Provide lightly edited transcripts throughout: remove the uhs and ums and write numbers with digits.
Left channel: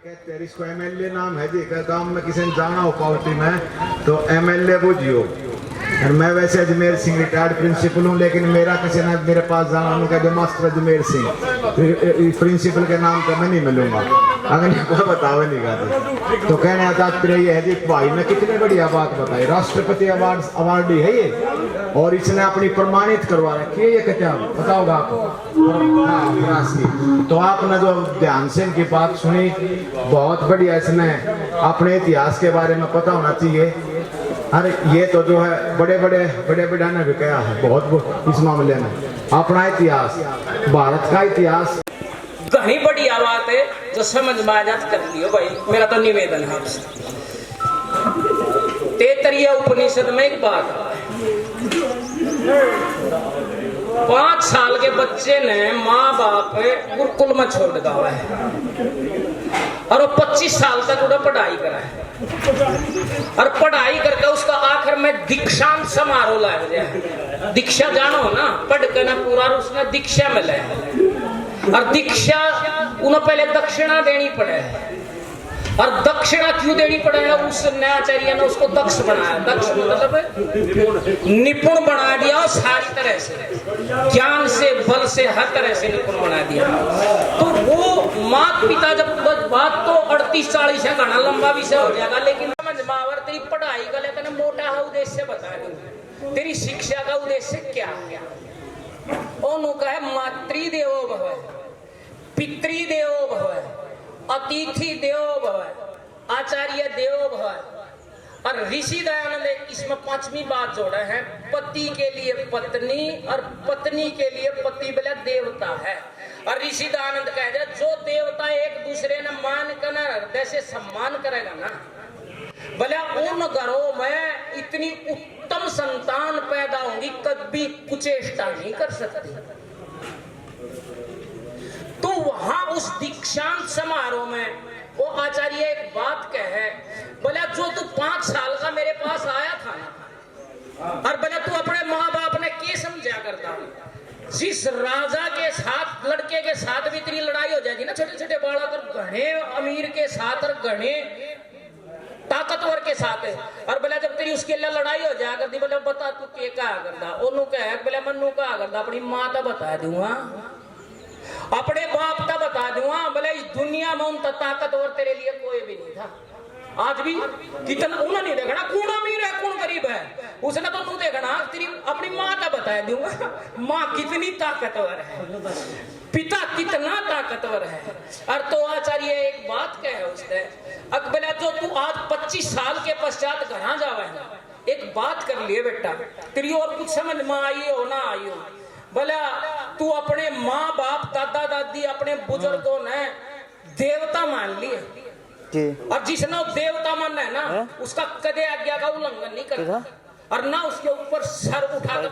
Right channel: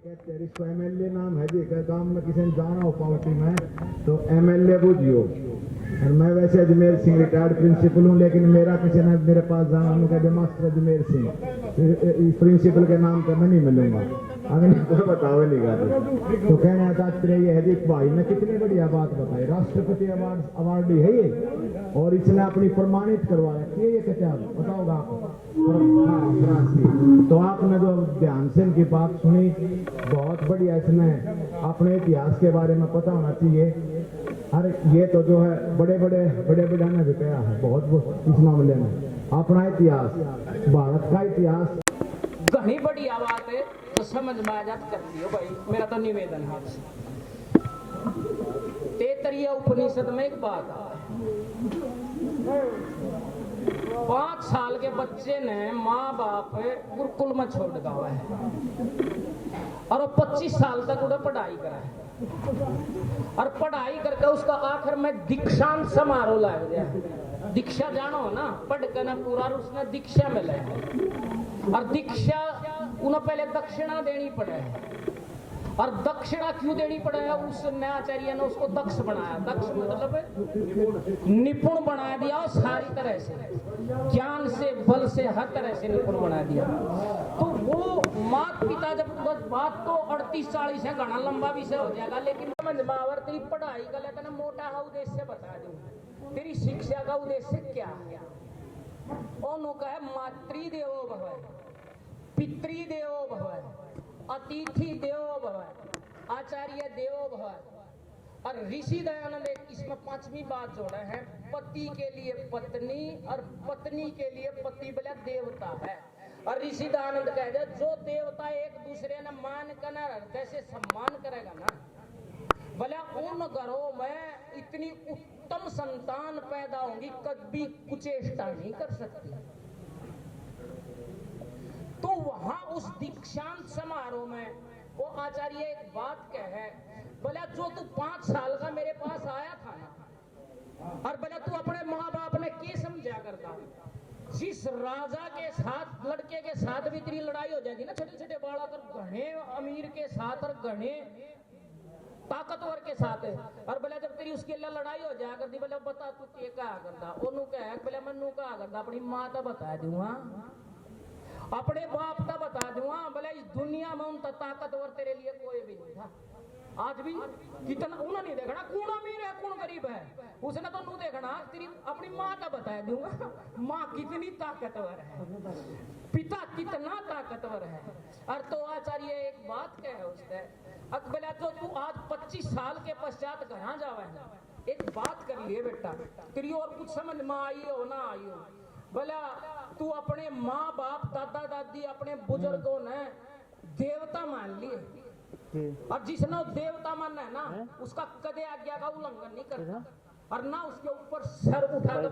कहते हैं इसको एमएलए नाम है जी, गांव में किसी ने जाना हो पार्टी में तो एमएलए बुझियो। और मैं वैसे अजमेर सिंह रिटायर्ड प्रिंसिपल हूँ, लेकिन मेरा किसी ने मेरे पास जाना, उन्होंने कहा जो मास्टर अजमेर सिंह प्रिंसिपल के नाम पर मैं नहीं मिलूंगा, अगर कोई बताओ नहीं गा। तो कहने का तात्पर्य ये है जी, भाई ने कितनी बढ़िया बात बताई, राष्ट्रपति अवार्ड है ये, और इसने अपनी प्रमाणित करवा रखी है। ये क्या बताओगा आपको? तो आपने जो ध्यान से इनकी बात सुनी, बहुत बढ़िया, इसमें अपने इतिहास के बारे में पता होना चाहिए। अरे ये तो जो है बड़े बड़े ने भी कहा है बहुत इस मामले में, अपना इतिहास, भारत का इतिहास घनी बढ़िया बात है, तो समझ में आ जात कर लियो भाई। मेरा तो निवेदन है आपसे, तैत्तरीय उपनिषद में एक बात है, 5 साल के बच्चे ने माँ बाप गुरुकुल में छोड़ दिया है, और वो 25 साल तक उन्हें पढ़ाई करा है, और पढ़ाई करके उसका आखिर में दीक्षांत समारोह लग जाए। दीक्षा जानो ना, पढ़ के ना पूरा, उसने दीक्षा मिले, और दीक्षा उन्हें पहले दक्षिणा देनी पड़े, और दक्षिणा क्यों देनी पड़े? उस आचार्य ने उसको दक्ष बनाया, दक्ष मतलब निपुण बना दिया, सारी तरह से ज्ञान से, बल से, हर तरह से निपुण बना दिया। तो वो माता पिता, जब बात तो 38-40 है, घना लंबा विषय हो जाएगा, लेकिन समझ में आवर तेरी पढ़ाई का लेकर मोटा है उद्देश्य बता दूं, तेरी शिक्षा का उद्देश्य क्या है? उनका है मातृ देवो भव, पितृ देवो भव, अतिथि देवो भव, आचार्य देवो भव। और ऋषि दयानंद इसमें 5वीं बात जोड़ा है, पति के लिए पत्नी और पत्नी के लिए पति बोला देवता है। और ऋषि दयानंद कह दे, जो देवता एक दूसरे ने मान कर हृदय से सम्मान करेगा ना, बोला उन घरों में इतनी उत्तम संतान पैदा होगी, कभी कुचेष्टा नहीं कर सकती। तो वहां उस दीक्षांत समारोह में वो आचार्य एक बात कहे, बोला जो तू 5 साल का मेरे पास आया था ना, और बोला तू अपने माँ बाप ने क्या समझा करता, जिस राजा के साथ, लड़के के साथ भी तेरी लड़ाई हो जाएगी ना, छोटे छोटे बालक और घने अमीर के साथ और घने ताकतवर के साथ है, और बोला जब तेरी उसके लिए लड़ाई हो जाएगा करती, बोला बता तू क्या कहा करता? ओनू कहे, बोला मन्नू कहा करता, अपनी माँ तो बता दूंगा, अपने बाप का बता दूंगा, बोले इस दुनिया में उनका ताकतवर तेरे लिए कोई भी नहीं था। आज भी कितना उन्हें नहीं देखना कौन अमीर है कौन गरीब है, उसने तो तू देखना तेरी अपनी माँ का बता दूंगा, माँ कितनी ताकतवर है, पिता कितना ताकतवर है। और तो आचार्य एक बात कहे उसने, बोला जो तू आज 25 साल के पश्चात घर जावे ना, एक बात कर लिए बेटा, तेरी और कुछ समझ में आई हो ना आई हो, बोला तू अपने माँ बाप, दादा दादी, अपने बुजुर्गों ने देवता मान लिए, और जिसने देवता माना है ना, उसका कदे आज्ञा का उल्लंघन नहीं करता, और ना उसके ऊपर सर उठा कर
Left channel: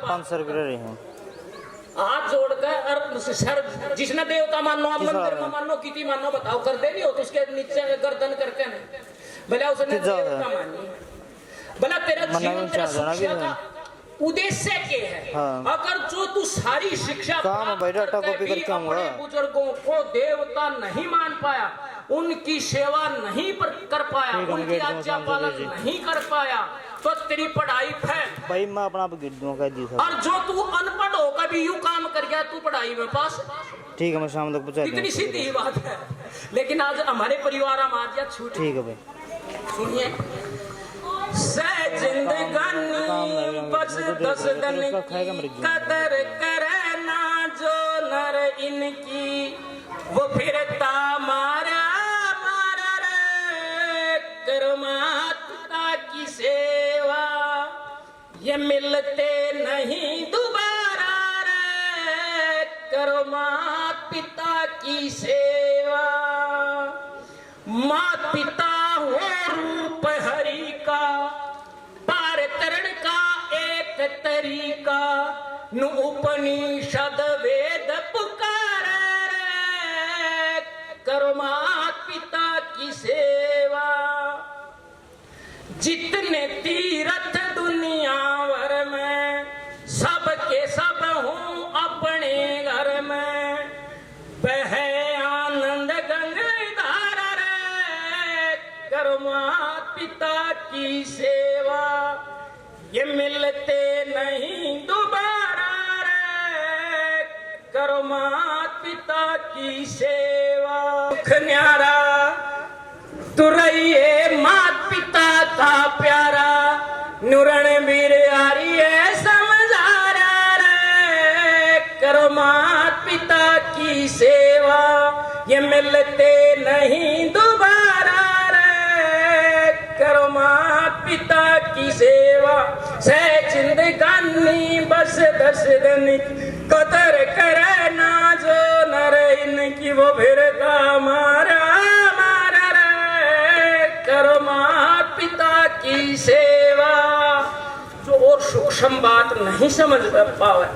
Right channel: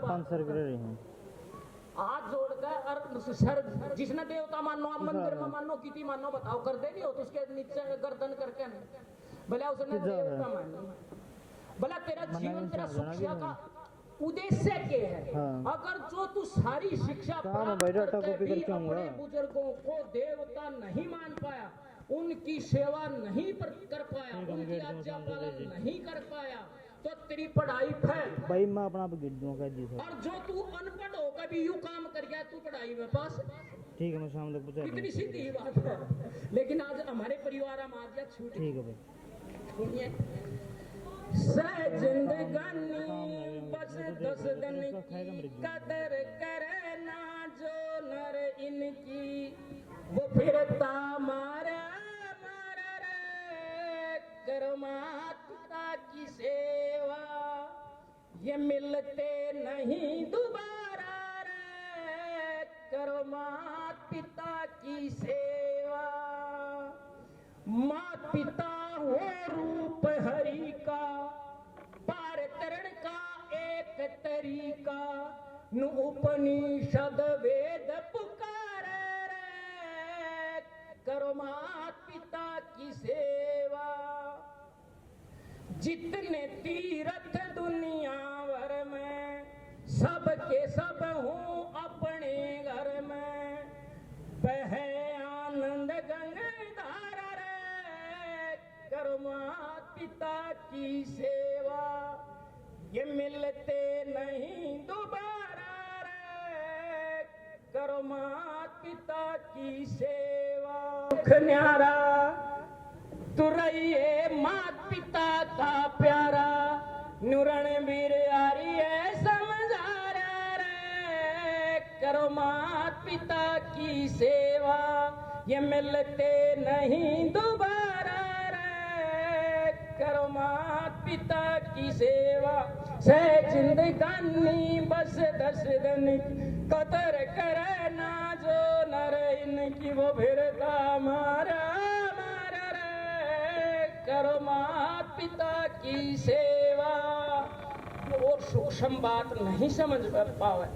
हाथ जोड़कर, और सर जिसने देवता मानो, आप मंदिर में मानो, किसी मानो, बताओ कर दे नहीं हो तो उसके नीचे गर्दन करके नहीं, भला उसने देवता मानी, भला तेरा जीवन, तेरा शिक्षा का उद्देश्य क्या है? हाँ। अगर जो तू सारी शिक्षा अपने बुजुर्गों को देवता नहीं मान पाया, उनकी सेवा नहीं कर पाया, उनकी आज्ञा पालन नहीं कर पाया, तो तेरी पढ़ाई फेल भाई, मैं अपना गिर दूंगा जी साहब। और जो तू अनपढ़ होकर भी यूं काम कर गया, तू पढ़ाई में पास, ठीक है मैं शाम तक पहुंचा दूंगा, इतनी सीधी ही बात है। लेकिन आज हमारे परिवार में आज छूट, ठीक है भाई सुनिए, जिंदगानी बस 10 दिन की कदर करे ना, जो नर इनकी वो फिरता मारा मारा रे, करो माता की सेवा, ये मिलते नहीं दोबारा रे, करो माता पिता की सेवा। माता पिता हो रूप हरि का, पार तरण का एक तरीका, नु उपनिषद वेद पुकारे रे, करो माता पिता की सेवा। जितने तीर्थ दुनिया भर में, सबके सब हूँ अपने घर में, बहे आनंद गंगा धारा रे, माता पिता की सेवा, ये मिलते नहीं दोबारा रे। करो माता पिता की सेवा, सुख न्यारा तू रहिए माता पिता का प्यारा। नुरण बीर यारी है समझारा रे। करो माता पिता की सेवा, ये मिलते नहीं दोबारा रे। करो माता पिता की सेवा, सह जिंदगानी बस 10 दिन कदर करे ना जो नर इनकी वो फिरता मारा मारा रे। करो माता पिता की सेवा। जो और सूक्ष्म बात नहीं समझ पावे,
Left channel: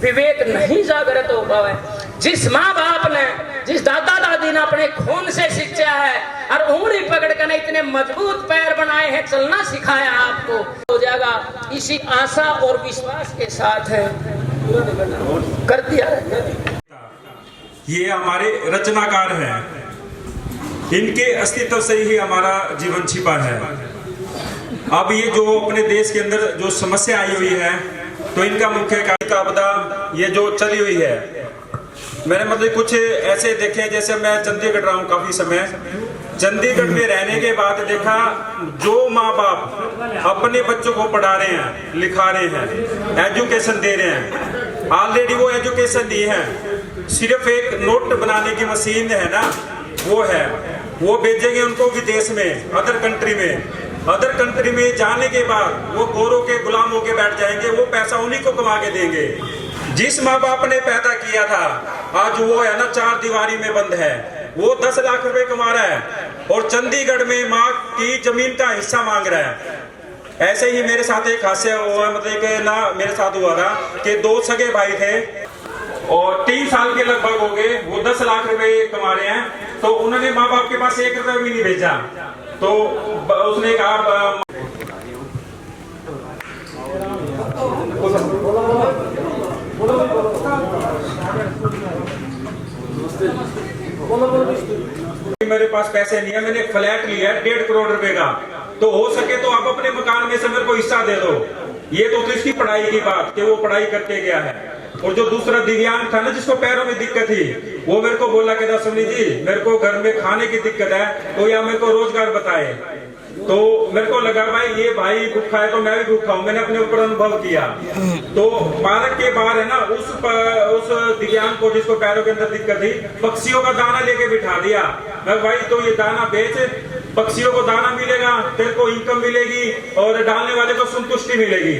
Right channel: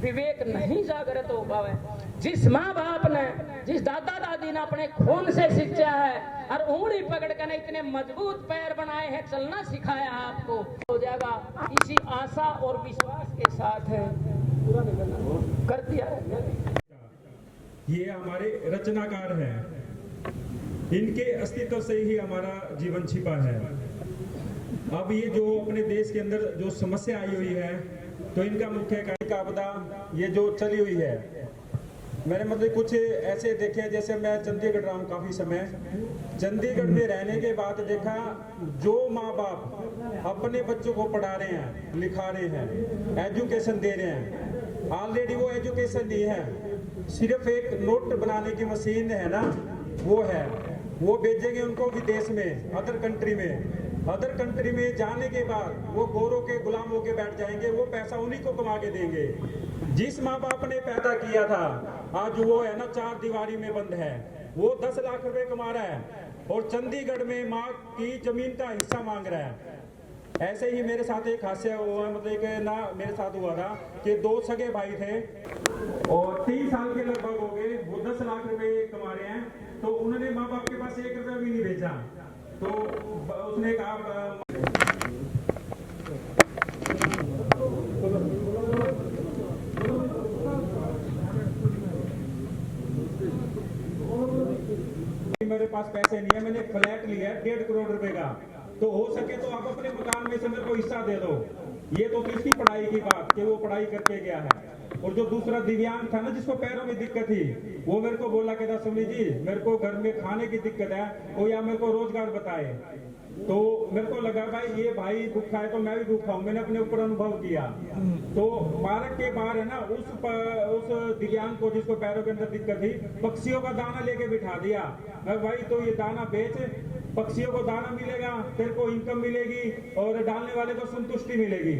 विवेक नहीं जागृत हो पावे, जिस माँ बाप ने, जिस दादा दादी ने अपने खून से सिंचा है और उंगली पकड़ कर इतने मजबूत पैर बनाए हैं, चलना सिखाया आपको, हो जाएगा। इसी आशा और विश्वास के साथ है कर दिया। ये हमारे रचनाकार हैं, इनके अस्तित्व से ही हमारा जीवन छिपा है। अब ये जो अपने देश के अंदर जो समस्या आई हुई है, तो इनका मुख्य कारण आपदा ये जो चली हुई है, मैंने मतलब कुछ ऐसे देखे, जैसे मैं चंडीगढ़ रहा हूँ काफी समय। चंडीगढ़ में रहने के बाद देखा, जो माँ बाप अपने बच्चों को पढ़ा रहे हैं, लिखा रहे हैं, एजुकेशन दे रहे हैं, ऑलरेडी वो एजुकेशन दी है, सिर्फ एक नोट बनाने की मशीन है ना, वो है, वो भेजेंगे उनको विदेश में, अदर कंट्री में। अदर कंट्री में जाने के बाद वो गोरों के गुलाम होके बैठ जाएंगे, वो पैसा उन्हीं को कमा के देंगे। जिस माँ बाप ने पैदा किया था, आज वो है ना 4 दीवारी में बंद है, वो 10 लाख रुपए कमा रहा है और चंडीगढ़ में माँ की जमीन का हिस्सा मांग रहा है। ऐसे ही मेरे साथ एक हादसा हुआ, मतलब कि ना मेरे साथ हुआ था कि 2 सगे भाई थे और 3 साल के लगभग हो गए, वो 10 लाख रुपए कमा रहे हैं, तो उन्होंने माँ बाप के पास 1 रुपया भी नहीं भेजा। तो उसने कहा मेरे पास पैसे नहीं है, मैंने एक फ्लैट लिया है 1.5 करोड़ रुपए का, तो हो सके तो आप अपने मकान में से मेरे को हिस्सा दे दो। ये तो इसकी पढ़ाई की बात कि वो पढ़ाई करके गया है। और जो दूसरा दिव्यांग था ना, जिसको पैरों में दिक्कत थी, वो मेरे को बोला कि दसवनी जी मेरे को घर में खाने की दिक्कत है, तो या मेरे को रोजगार बताए। तो मेरे को लगा भाई ये भाई भूखा है तो मैं भी भूखा हूँ, मैंने अपने ऊपर अनुभव किया। तो पार्क के बाहर है ना, उस दिव्यांग को जिसको पैरों के अंदर दिक्कत थी, पक्षियों का दाना लेके बिठा दिया। मैं भाई तो ये दाना बेच, पक्षियों को दाना मिलेगा, तेरे को इनकम मिलेगी और डालने वाले को संतुष्टि मिलेगी।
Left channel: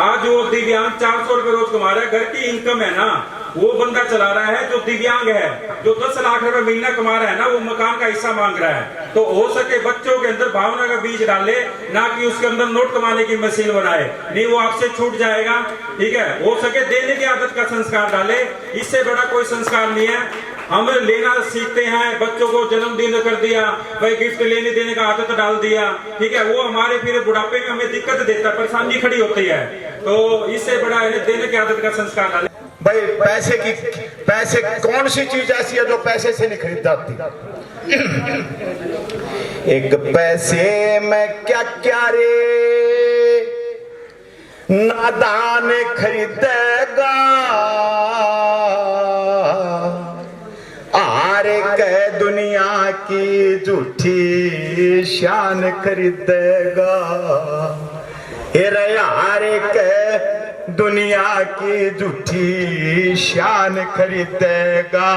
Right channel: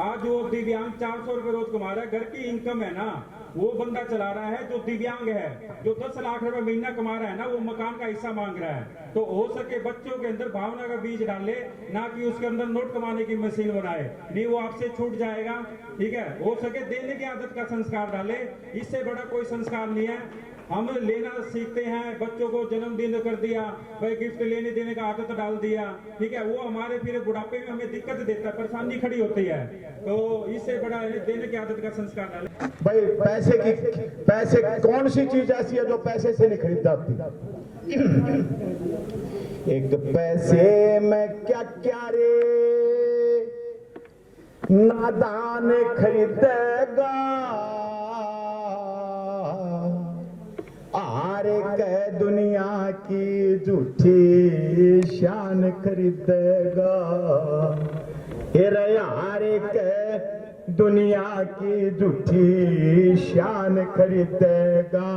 आज वो दिव्यांग 400 रुपए रोज कमा रहा है, घर की इनकम है ना, वो बंदा चला रहा है। जो दिव्यांग है, जो 10 लाख रुपए महीना कमा रहा है ना, वो मकान का हिस्सा मांग रहा है। तो हो सके बच्चों के अंदर भावना का बीज डाले, ना कि उसके अंदर नोट कमाने की मशीन बनाए, नहीं वो आपसे छूट जाएगा। ठीक है, हो सके देने की आदत का संस्कार डाले, इससे बड़ा कोई संस्कार नहीं है। हम लेना सीखते हैं, बच्चों को जन्मदिन कर दिया, भाई गिफ्ट लेने देने का आदत डाल दिया, ठीक है, वो हमारे फिर बुढ़ापे में हमें दिक्कत देता है, परेशानी खड़ी होती है। तो इससे बड़ा है देने की आदत का संस्कार डाले। भाई पैसे कौन सी चीज ऐसी है जो पैसे से नहीं खरीद जाती? एक पैसे में क्या क्या रे नादान खरीदेगा, आरे कह दुनिया की झूठी शान खरीदेगा। यारे कह दुनिया की झूठी शान खरीदेगा।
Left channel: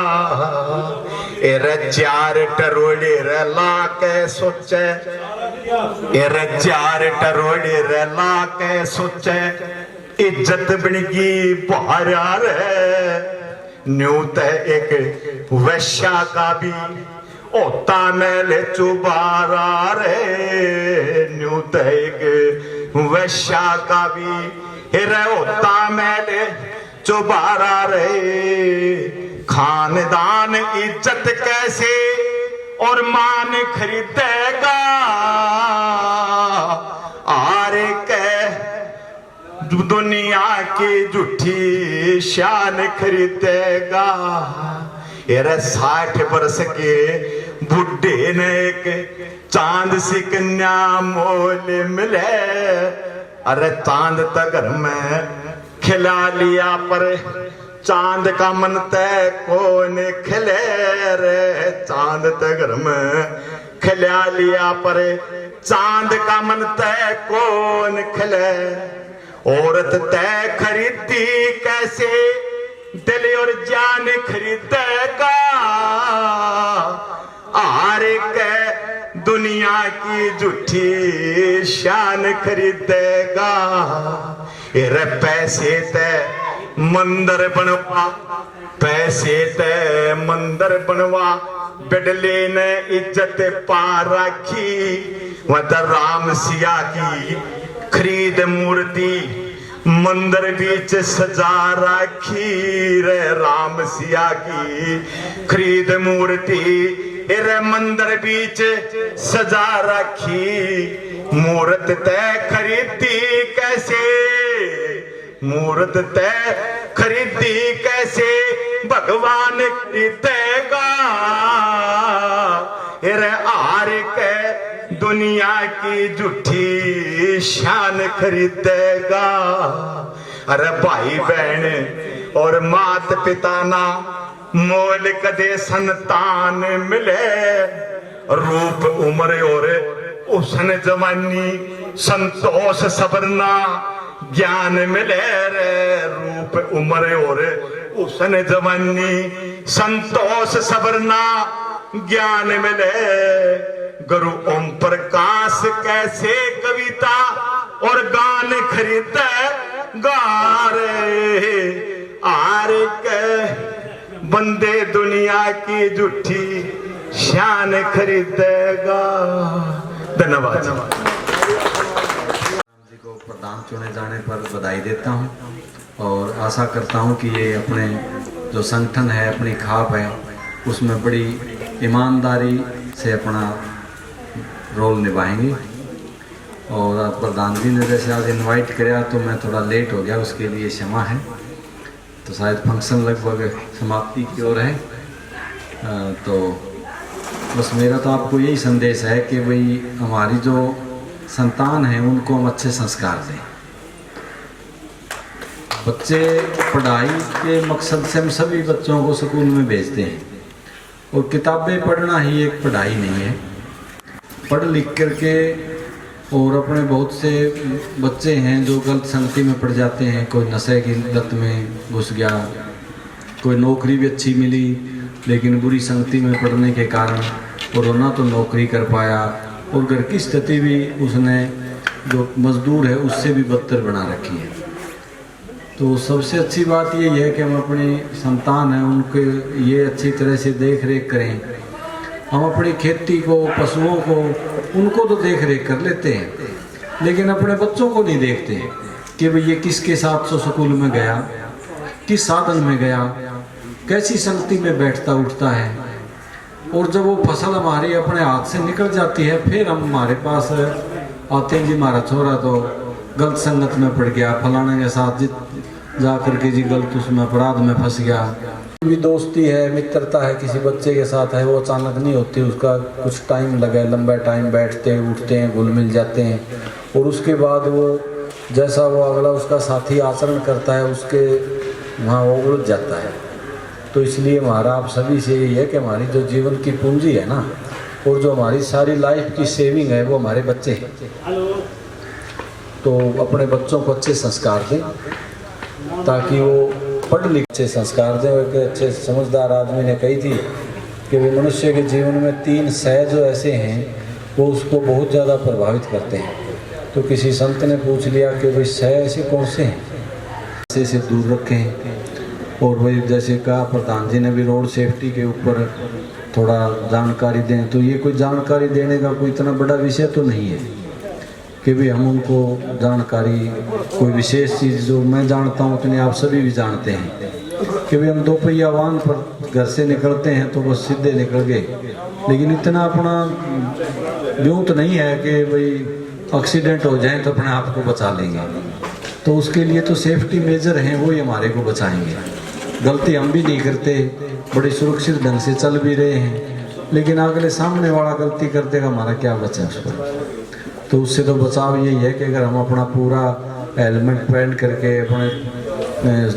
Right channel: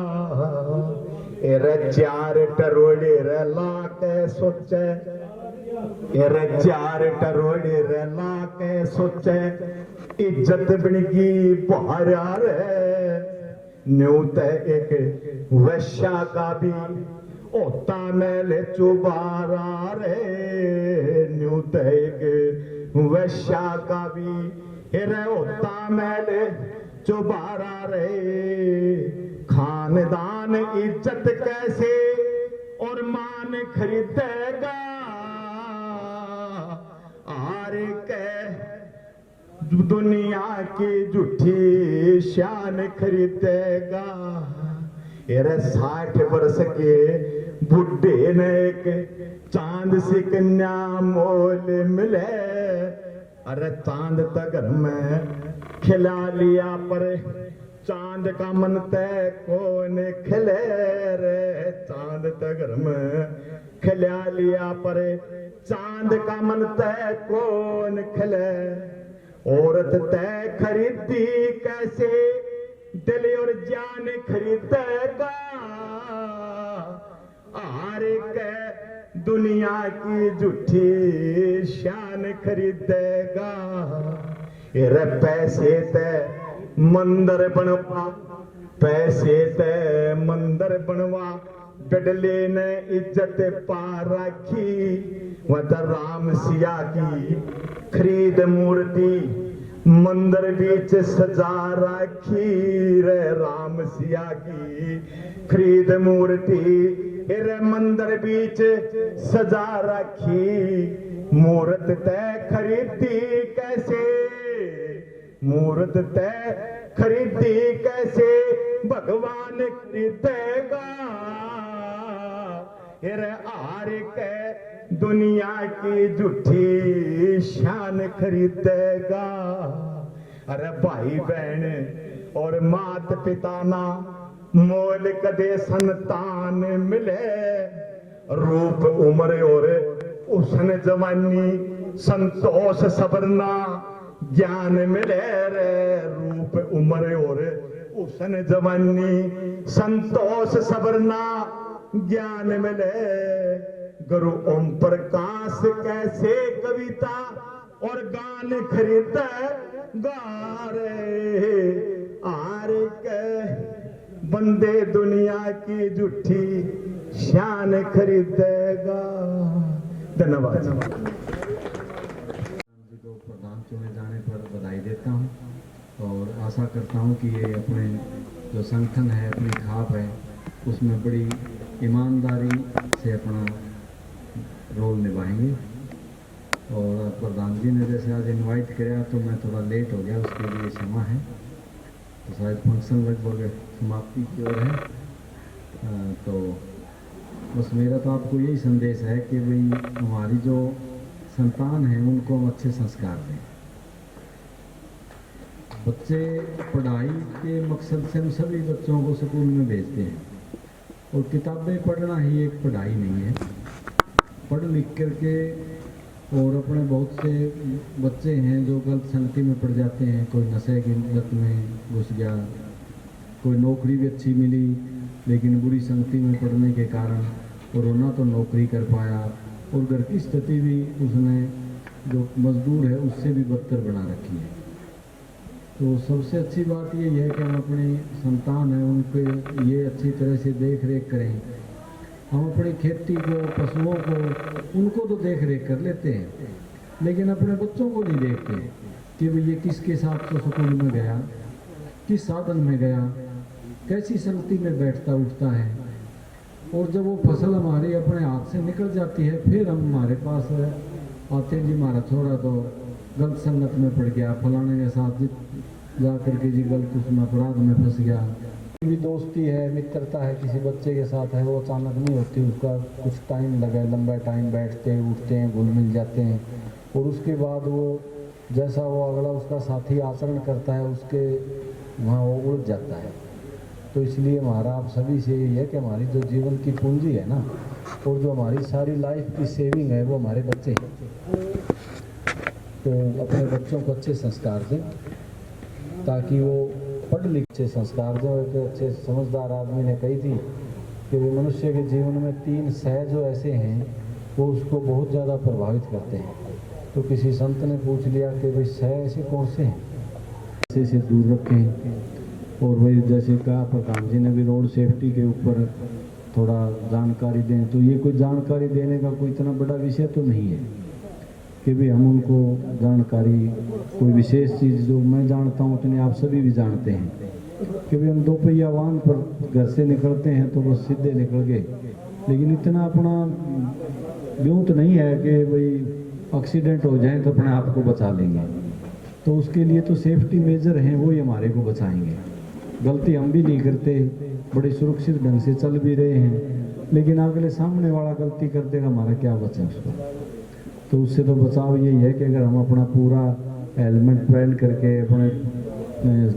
4 टरोड़े ला के सोचे, 4 टरोड़े ला के सोचे, इज्जत बनगी बाहर है। न्यू ते एक वैश्या का भी होता मेले चुबारा रे। न्यू ते एक वैश्या का भी होता मेले चुबारा रे। खानदान इज्जत कैसे और मान खरीदेगा, आरे कह दुनिया की झूठी शान खरीदेगा। 60 वर्ष के बुढ़े ने एक चांद सी कन्या मोल मिले, अरे चांद त घर में खिला लिया पर चांद का मन तय कौन खिले रे, चांद त घर में खिला लिया पर चांद का मन तय कौन खिले। औरत तय खरीदी कैसे दिल और जान खरीदेगा, आरे के दुनिया की झूठी शान खरीदेगा। रे पैसे ते मंदिर बनवा, पैसे ते मंदिर बनवा, बिडले ने इज्जत पा रखी, वह राम सिया की खरीद मूर्ति मंदिर बीच सजा रखी रे, राम सिया की खरीद मूर्ति रे मंदिर बीच सजा रखी। मूर्त तय खरीदी कैसे, मूर्त तय खरीदी कैसे भगवान खरीदेगा, रे आर के दुनिया की झूठी शान खरीदेगा। अरे भाई बहन और मात पिता ना मोल कदे संतान मिले, रूप उम्र और उसन जवानी संतोष सबरना ज्ञान मिले रे, रूप उम्र और उसन जवानी संतोष सबरना ज्ञान मिले। गुरु ओम प्रकाश कैसे कविता और गान खरीदे गारे, आर के बंदे दुनिया की झूठी शान खरीदेगा। धन्यवाद जी को प्रधान चुने जाने पर बधाई देता हूं और आशा करता हूं कि ये अपने जो संगठन है, अपनी खाप है, उसमें बड़ी ईमानदारी से अपना रोल निभाएंगे। और प्रधान जी ने जैसे आज इनवाइट किया तो मैं थोड़ा लेट हो गया, उसके लिए क्षमा है। तो शायद फंक्शन लगभग समाप्ति की ओर है, तो बस मेरा तो आपको यही संदेश है कि भाई हमारी जो संतान है उनको हम अच्छे संस्कार दें। बच्चे पढ़ाई के मकसद से हम सभी बच्चों को स्कूल में भेजते हैं और किताबें पढ़ना ही एक पढ़ाई नहीं है। पढ़ लिख करके और अपने बहुत से बच्चे हैं जो गलत संगति में पड़ जाते हैं, कोई नशे की लत में घुस गया, कोई नौकरी भी अच्छी मिली लेकिन बुरी संगति में पड़ने के कारण और ना तो नौकरी कर पाया और घर की स्थिति भी उसने जो मजदूर है उससे भी बदतर बना रखी है। तो सबसे अच्छी बात यही है कि हम अपनी संतान है उनके ये अच्छी तरह से देख रेख करें। हम अपनी खेती को, पशुओं को, उनको तो देख रेख कर लेते हैं लेकिन अपने बच्चों को नहीं देखते कि भाई ये किसके साथ तो स्कूल में गया, किस साधन में गया, कैसी संगति में बैठता उठता है। और जब वो फसल हमारी अपने हाथ से निकल जाती है फिर हम हमारे पास आते हैं, जी हमारा छोरा तो गलत संगत में पड़ गया, फलाने के साथ जा करके जी गलत उसमें अपराध में फंस गया। भी दोस्ती है, मित्रता है किसी बच्चे के साथ है, वो अचानक नहीं होती, उसका कुछ टाइम लगे, लंबा टाइम बैठते उठते हैं, घुल मिल जाते हैं और उसके बाद वो जैसा वो अगला उसका साथी आचरण करता है उसके वहाँ वो उलझ जाता है। तो इसलिए हमारा आप सभी से यही है कि हमारी जो जीवन की पूंजी है ना और जो हमारी सारी लाइफ की सेविंग है वो हमारे बच्चे हैं। तो अपने बच्चों को अच्छे संस्कार दें ताकि वो पढ़ लिख अच्छे संस्कार दें। एक अच्छे समझदार आदमी ने कही थी कि वो मनुष्य के जीवन में 3 सह जो ऐसे हैं वो उसको बहुत ज़्यादा प्रभावित करते हैं। तो किसी संत ने पूछ लिया कि भाई सह ऐसे कौन से हैं, नशे से दूर रखें। और वही जैसे कहा प्रधान जी ने भी रोड सेफ्टी के ऊपर थोड़ा जानकारी दें। तो ये कोई जानकारी देने का कोई इतना बड़ा विषय तो नहीं है कि भी हम उनको जानकारी कोई विशेष चीज़ जो मैं जानता हूँ उतनी आप सभी भी जानते हैं कि भी हम 2 पहिया वाहन पर घर से निकलते हैं तो बस सीधे निकल गए, लेकिन इतना अपना यूँ तो नहीं है कि भाई एक्सीडेंट हो जाए तो अपने आप को बचा लेंगे। तो उसके लिए तो सेफ्टी मेजर हैं, वो ही हमारे को बचाएंगे। गलती हम भी नहीं करते, बड़े सुरक्षित ढंग से चल भी रहे हैं, लेकिन अगले सामने वाला गलती कर देगा, हमारा क्या बचा उस पर। तो उससे तो बचाव यही है कि अगर हम अपना पूरा हेलमेट पहन करके अपने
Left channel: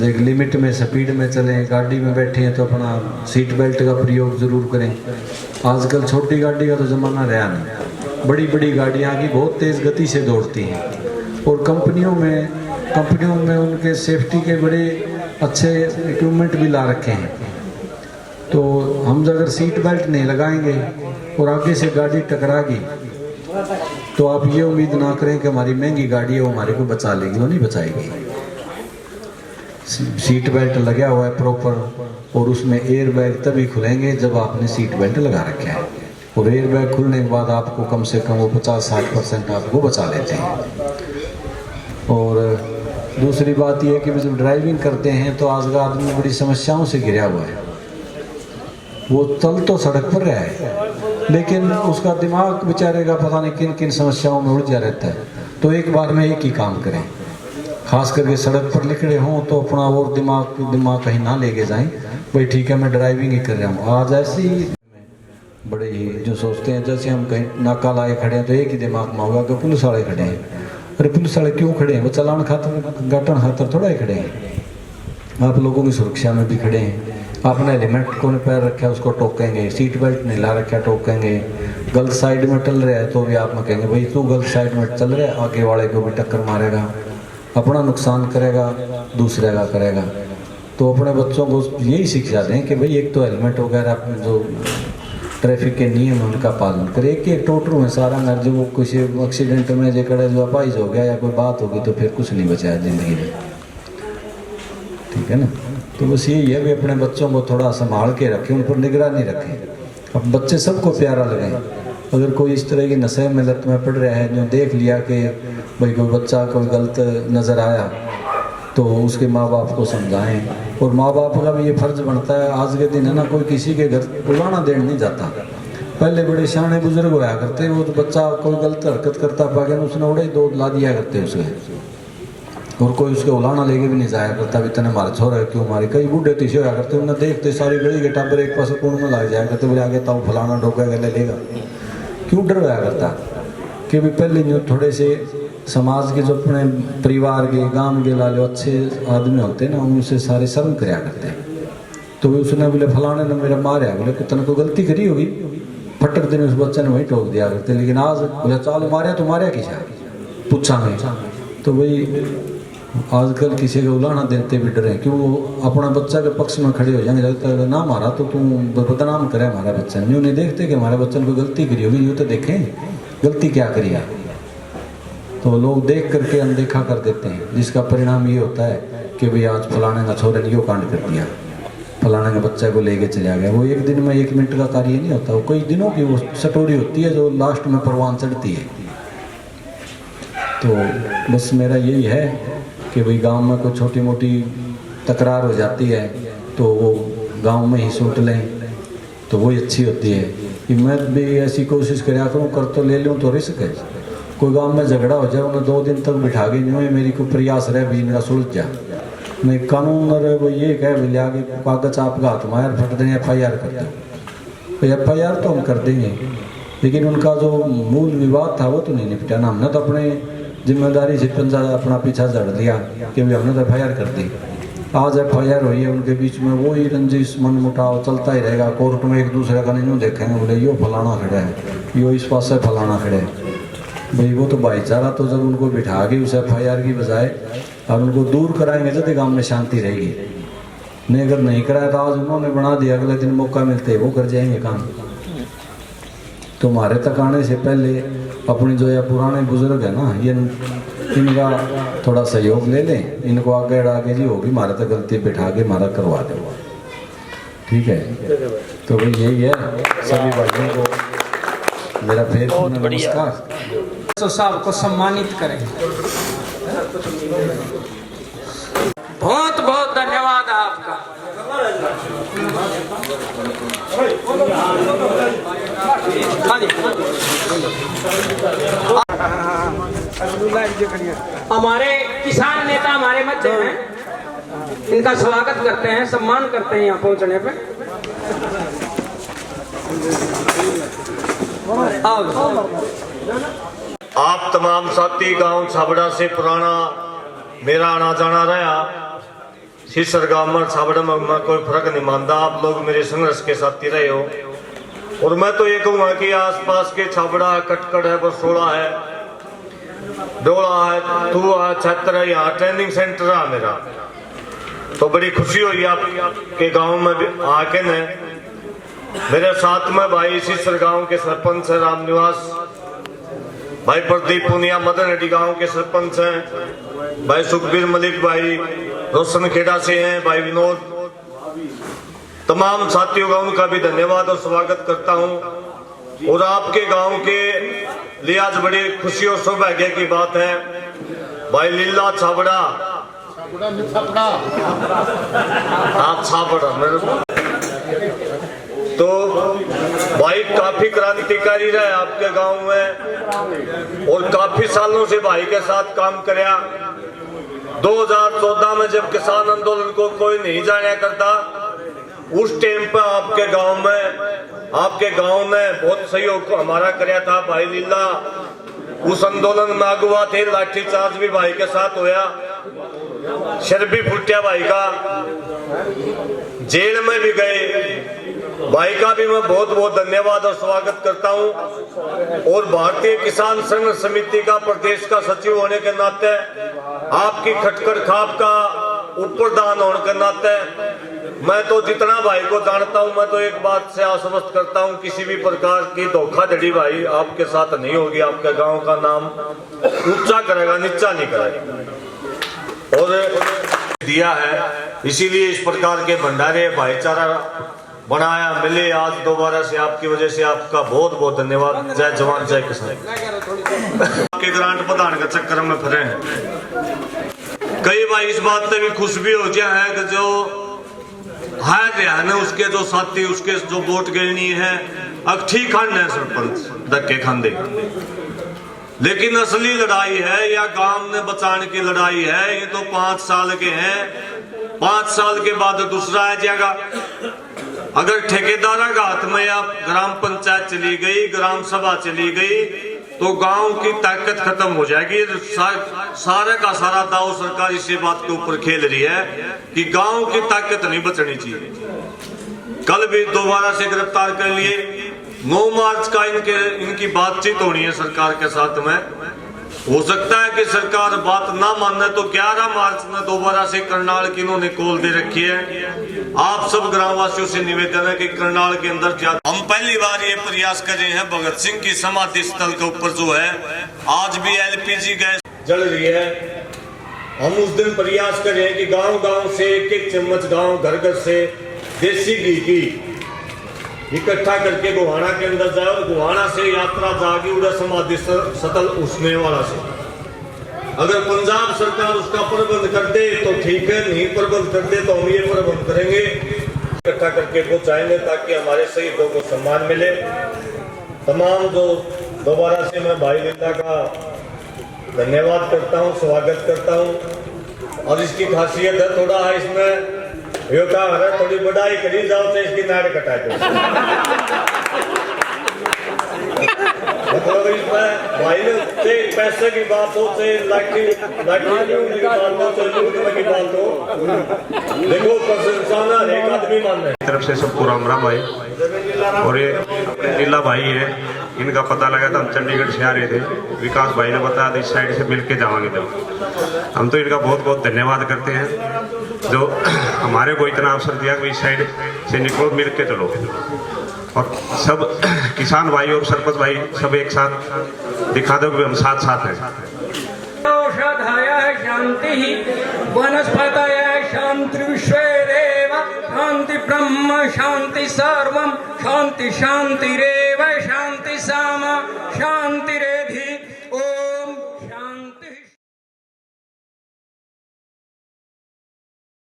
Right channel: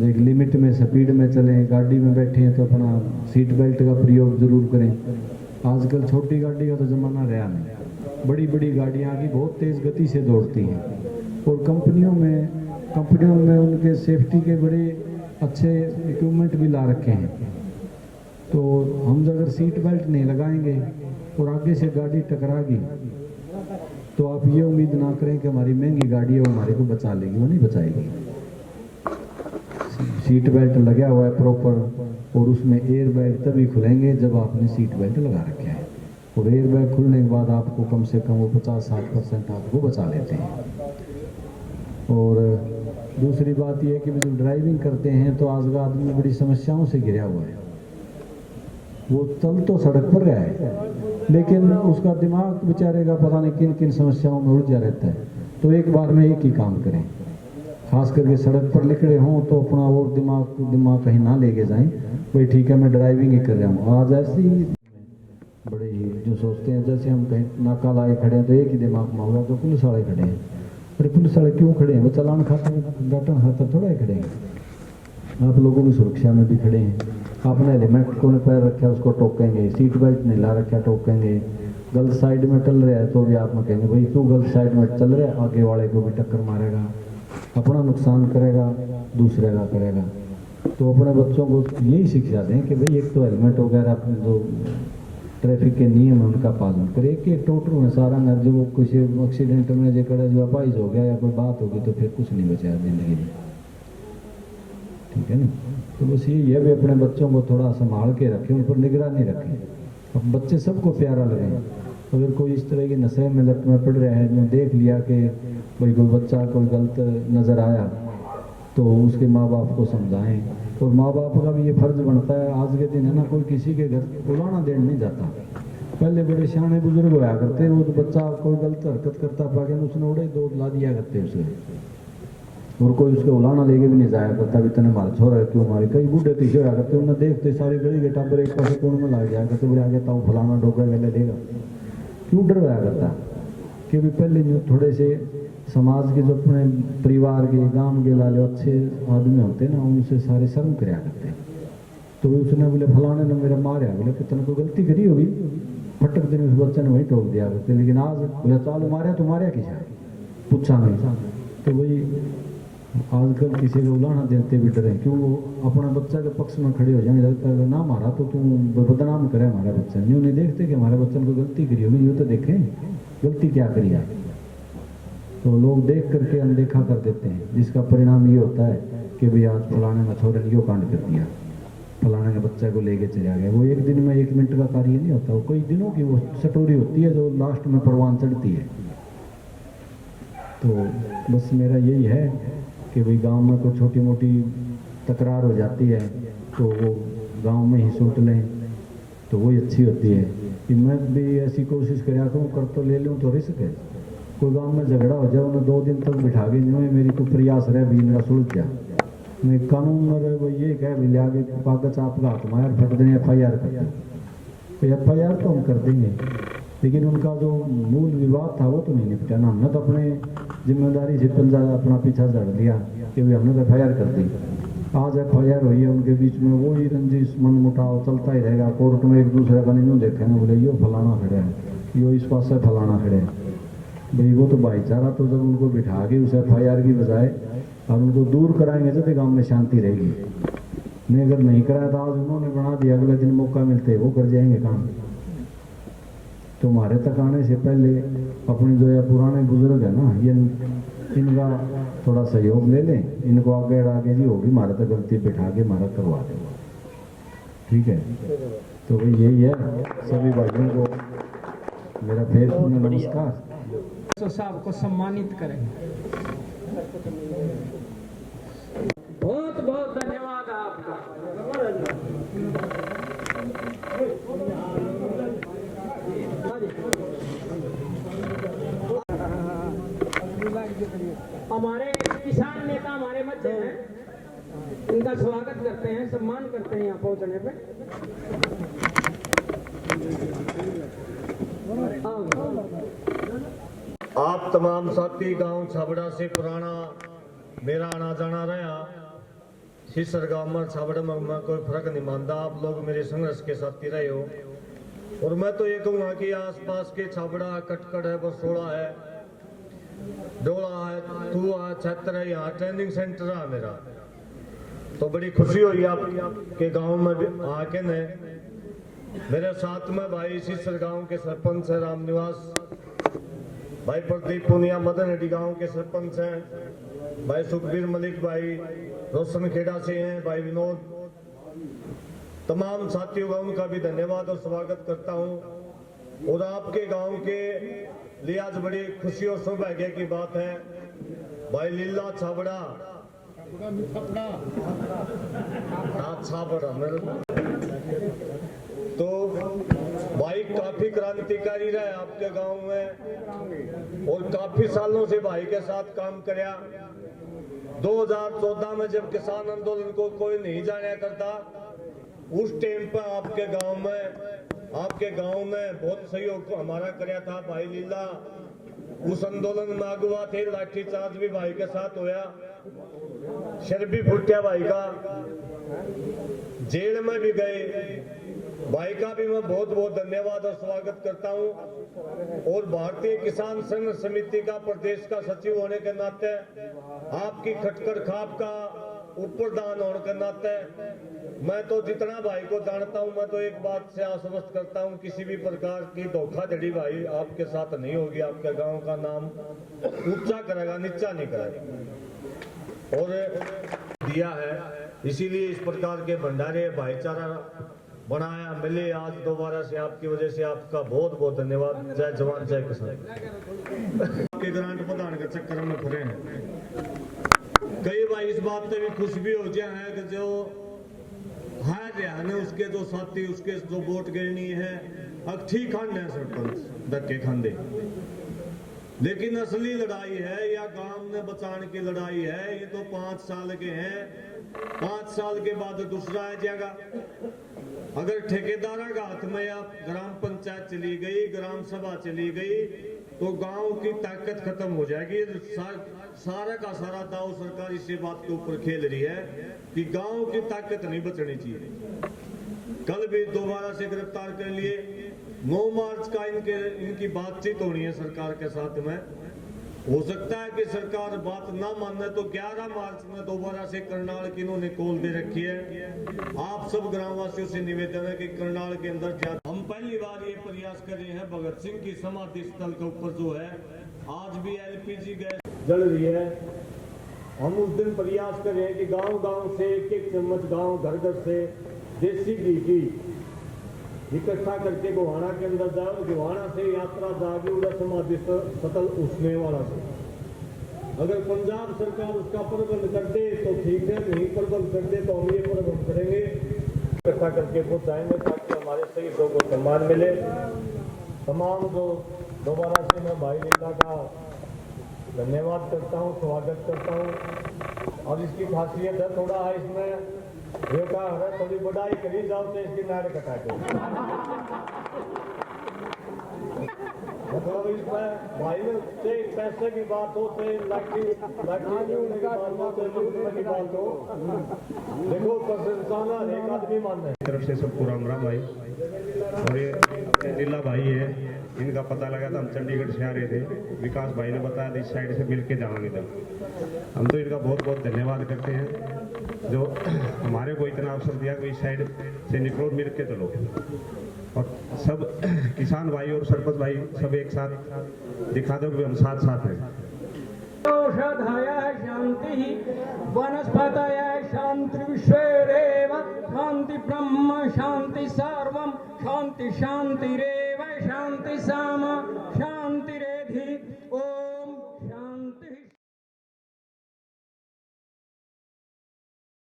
एक लिमिट में स्पीड में चलें, गाड़ी में बैठे हैं तो अपना सीट बेल्ट का प्रयोग ज़रूर करें। आजकल छोटी गाड़ी का तो ज़माना रहा नहीं, बड़ी बड़ी गाड़ियाँ की बहुत तेज़ गति से दौड़ती हैं और कंपनियों में उनके सेफ्टी के बड़े अच्छे इक्विपमेंट भी ला रखे हैं। तो हम अगर सीट बेल्ट नहीं लगाएंगे और आगे से गाड़ी टकराएगी तो आप ये उम्मीद ना करें कि हमारी महंगी गाड़ी है वो हमारे को बचा लेगी, वो नहीं बचाएगी। सीट बेल्ट लगा हुआ है प्रॉपर और उसमें एयर बैग तभी खुलेंगे जब आपने सीट बेल्ट लगा रखा है, और एयर बैग खुलने के बाद आपको कम से कम वो 50-60% आपको बचा लेते हैं। और दूसरी बात यह है कि जब ड्राइविंग करते हैं तो आज का आदमी बड़ी समस्याओं से घिरा हुआ है। वो चल तो सड़क पर रहा है लेकिन उसका दिमाग बेचारे का पता नहीं किन किन समस्याओं में उलझा रहता है। तो एक बार में एक ही काम करें, खास करके सड़क पर निकले हों तो अपना और दिमाग कहीं ना लेके जाएं, भाई ठीक है मैं ड्राइविंग ही कर रहा हूँ। आज ऐसे ही बड़े ही जो सोचते हैं जैसे हम कहीं नाका लाए खड़े हैं तो एक ही दिमाग में होगा कि पुलिस वाले खड़े हैं। अरे पुलिस वाले क्यों खड़े हैं? वो चलान खातर गाटन खातर थोड़ा ही खड़े हैं, आप लोगों की सुरक्षा में भी खड़े हैं। आपने हेलमेट को नहीं पैर रखा है उसको टोकेंगे, सीट बेल्ट नहीं ला रखा टोकेंगे, गलत साइड में चल रहा है तो भी आप में कहेंगे भाई तू गलत साइड में चल रहा है, आगे वाले को भी टक्कर मारेगा, अपना नुकसान करेगा, दूसरे का करेगा। तो अपने बच्चों को यही शिक्षा दें कि भाई एक तो हेलमेट वगैरह जो ट्रैफिक के नियम उनका पालन करें। एक टोटरू में सारा नर जो किसी एक्सीडेंट में जो कड़े जो अपाइज हो गया या कोई बात होगी तो फिर कुछ नहीं बचा है ज़िंदगी में, ठीक है ना। तो बस यही है भी अपने बच्चों को थोड़ा संभाल के रखें, उन पर निगरानी रखें। अब बच्चे सबको प्यारा लगें, अगर कोई इस तरह की नशे में लत में पड़ रहा है, जो देख लिया कि भाई कोई बच्चा कोई गलत नज़र आया तो उसके माँ बाप को समझाएं। और माँ बाप का भी ये फर्ज बनता है, आज के दिन है ना कोई किसी के घर बुलाना देने नहीं जाता। पहले बड़े शाने बुजुर्ग होया करते, वो तो बच्चा कोई गलत हरकत करता पागे उसने उड़े दो ला दिया करते उसे, और कोई उसके उलाना लेके भी नहीं जाया करता भी तने मारे छोरा क्यों मारे। कई बूढ़े तीसे होया करते उन्हें देखते सारी गली के टाबर एक पास कूण में लग जाया करते, बोले आगे ताऊ फलाना डोगा गले लेगा। क्यों डर होया करता कि भी पहले जो थोड़े से समाज के जो अपने परिवार के गांव के लाले अच्छे आदमी होते ना उनसे सारे शर्म कराया करते। तो भी उसने बोले फलाने ने मेरा मारा, बोले कि तने कोई गलती करी होगी, फटक दिन उस बच्चे ने वहीं टोक दिया करते। लेकिन आज बोले चाल मारे तो मारे किसा पूछा में। तो भाई आजकल किसी का उलाना देते भी डरे, क्यों वो अपना बच्चा के पक्ष में खड़े हो जाएंगे। लगता है ना मारा तो तुम बदनाम करे हमारा बच्चा, यूँ नहीं देखते कि हमारे बच्चे ने कोई गलती करी होगी, यूँ तो देखें गलती क्या करी है। तो लोग देख करके अनदेखा कर देते हैं, जिसका परिणाम ये होता है कि भाई आज फलाने का छोरे ने यो कांड कर दिया, फलाने के बच्चे को लेके चला गया। वो एक दिन में 1 मिनट का कार्य नहीं होता, वो कई दिनों की वो स्टोरी होती है जो लास्ट में परवान चढ़ती है। तो बस मेरा यही है कि भाई गांव में कोई छोटी मोटी तकरार हो जाती है तो वो गांव में ही सूट लें तो वही अच्छी होती है। कि मैं भी ऐसी कोशिश कराया करूँ, कर तो ले लूँ तो रिस्क है। कोई गांव में झगड़ा हो जाए उन्हें 2 दिन तक बिठा के नहीं मेरी कोई प्रयास रहे भी इनका सुलझ गया नहीं, कानून वो ये कहे भाई आगे कागज आपका हाथ मार फट दें FIR कर दें, तो FIR तो हम कर देंगे, लेकिन उनका जो मूल विवाद था वो तो नहीं निपटा ना। हमने तो अपने जिम्मेदारी से पंजा अपना पीछा जड़ लिया कि भाई हमने तो FIR कर दी। आज FIR हुई है, उनके बीच में वो ही रंजिश मन मुटाव चलता ही रहेगा। कोर्ट में एक दूसरे का नहीं देखेंगे, बोले यो फलाना खड़ा है, यो इस पास से फलाना खड़ा है। भाई वो तो भाईचारा तो जब उनको बिठा के उस FIR की बजाय और उनको दूर कराएंगे तो गांव में शांति रहेगी। नहीं अगर नहीं कराया तो आज उन्होंने बना दिया, अगले दिन मौका मिलते वो कर जाएंगे काम। तो हमारे तक आने से पहले अपनी जो ये पुराने बुजुर्ग है ना, ये इनका थोड़ा सहयोग ले लें, इनको आगे आगे जी होगी हमारे तक गलती बिठा के हमारा करवा दे, ठीक है। तो भाई यही है, सभी भाइयों को मेरा फिर नमस्कार। तो साहब को सम्मानित करें। बहुत बहुत धन्यवाद आपका। हमारे किसान नेता हमारे मध्य हैं, इनका स्वागत करते हैं, सम्मान करते हैं यहाँ पहुँचने पे। आओ आप तमाम साथी गांव छाबड़ा से पुराना मेरा आना जाना रहा। सिसर गांव में छाबड़ा में कोई फर्क नहीं मानता, आप लोग मेरे संघर्ष के साथी रहे हो। और मैं तो ये कहूँगा कि आसपास के छाबड़ा है, कटकड़ है, बरसोड़ा है, डोला है, तुआ है, छत्र है, यहाँ ट्रेनिंग सेंटर है मेरा। तो बड़ी खुशी हुई आपके गांव में भी आके ने। मेरे साथ में भाई सिसर गांव के सरपंच है राम निवास, भाई प्रदीप पुनिया मदन रेड्डी गांव के सरपंच हैं, भाई सुखबीर मलिक भाई रोशन खेड़ा से हैं, भाई विनोद, तमाम साथियों का उनका भी धन्यवाद और स्वागत करता हूं। और आपके गांव के लिए आज बड़ी खुशी और सौभाग्य की बात है, भाई लीला छाबड़ा आप छाबड़ा मेरे तो भाई काफी क्रांतिकारी रहे आपके गांव में और काफी सालों से भाई के साथ काम कराया। 2014 में जब किसान आंदोलन को कोई नहीं जाना करता, उस टाइम पर आपके गांव ने बहुत सहयोग हमारा कराया था। भाई लीला उस आंदोलन में अगुआ थे, लाठी चार्ज भी भाई के साथ होया, शर भी फुटिया भाई का, जेल में भी गए। भाई का भी मैं बहुत बहुत धन्यवाद और स्वागत करता हूं। और भारतीय किसान संघ समिति का प्रदेश का सचिव होने के नाते, आपकी खटखड़ खाप का उपप्रधान होने के नाते, मैं तो जितना भाई को जानता हूं, मैं तो एक बात से आश्वस्त करता हूं, किसी भी प्रकार की धोखाधड़ी भाई आपके साथ नहीं होगी। आपके गांव का नाम ऊंचा करेगा, नीचा नहीं करेगा। और दिया है, इसीलिए इस प्रकार के भंडारे भाईचारा बनाया मिले आज दोबारा से। आपकी वजह से आपका बहुत बहुत धन्यवाद। जय जवान जय किसान। आपके ग्रांट प्रदान के चक्कर में फिरे हैं कई भाई, इस बात से भी खुश भी हो गया है कि जो है उसके जो साथी, उसके जो वोट गिरनी है, अब ठीक खाने है सरपंच धक्के खांदे, लेकिन असली लड़ाई है या गांव ने बचाने की लड़ाई है। ये तो 5 साल के हैं, 5 साल के बाद दूसरा आ जाएगा। अगर ठेकेदारा का हाथ में या ग्राम पंचायत चली गई, ग्राम सभा चली गई, तो गांव की ताकत खत्म हो जाएगी। सारे का सारा दाव सरकार इसी बात के ऊपर खेल रही है कि गांव की ताकत नहीं बचनी चाहिए। कल भी दोबारा से गिरफ्तार कर लिए। 9 मार्च का इनकी बातचीत होनी है सरकार के साथ में। हो सकता है कि सरकार बात ना माने तो 11 मार्च में दोबारा से करनाल की इन्होंने कॉल दे रखी है। आप सब ग्रामवासियों से निवेदन है कि करनाल के अंदर क्या, हम पहली बार ये प्रयास कर रहे हैं भगत सिंह की समाधि स्थल के ऊपर जो है आज भी LPG गैस जल रही है। हम उस दिन प्रयास कर रहे हैं कि गांव-गांव से एक चम्मच गांव घर से देसी घी की इकट्ठा करके गुहाना के अंदर जाए और गुहाना से यात्रा जागी उड़ा समाधि स्थल उसने वाला से। अगर पंजाब सरकार उसका प्रबंध कर दे तो ठीक है, नहीं प्रबंध कर दे तो हम ये प्रबंध करेंगे, इकट्ठा करके पहुंचाएंगे ताकि हमारे शहीदों को सम्मान मिले। तमाम जो दोबारा से मैं भाई लीला का धन्यवाद करता हूं, स्वागत करता हूं। और इसकी खासियत है थोड़ा है इसमें यो का है, थोड़ी बढ़ाई करी जाओ तो इसकी नाड़ कटा दो। मतलब इसमें भाई ने पैसे की बात हो, लाठी की बात हो, की बात हो, देखो प्रशंसा एक आदमी मान रहे तरफ से सबको राम राम भाई। और ये लीला भाई है, इनका पता लगा था, हम चंडीगढ़ से आ रहे थे, विकास भाई ने बताया था इस साइड से मिल के जाएंगे। तो हम तो इनका बहुत बहुत धन्यवाद करते हैं जो हमारे को इतना अवसर दिया कि इस साइड से निकलो, मिल के चलो। और सब किसान भाई और सरपंच भाई सब एक साथ दिखा दो कि हम साथ साथ हैं। औषधाय शांति वनस्पतये शांति विश्वेरेव शांति ब्रह्म शांति सर्वम शांति शांति रे।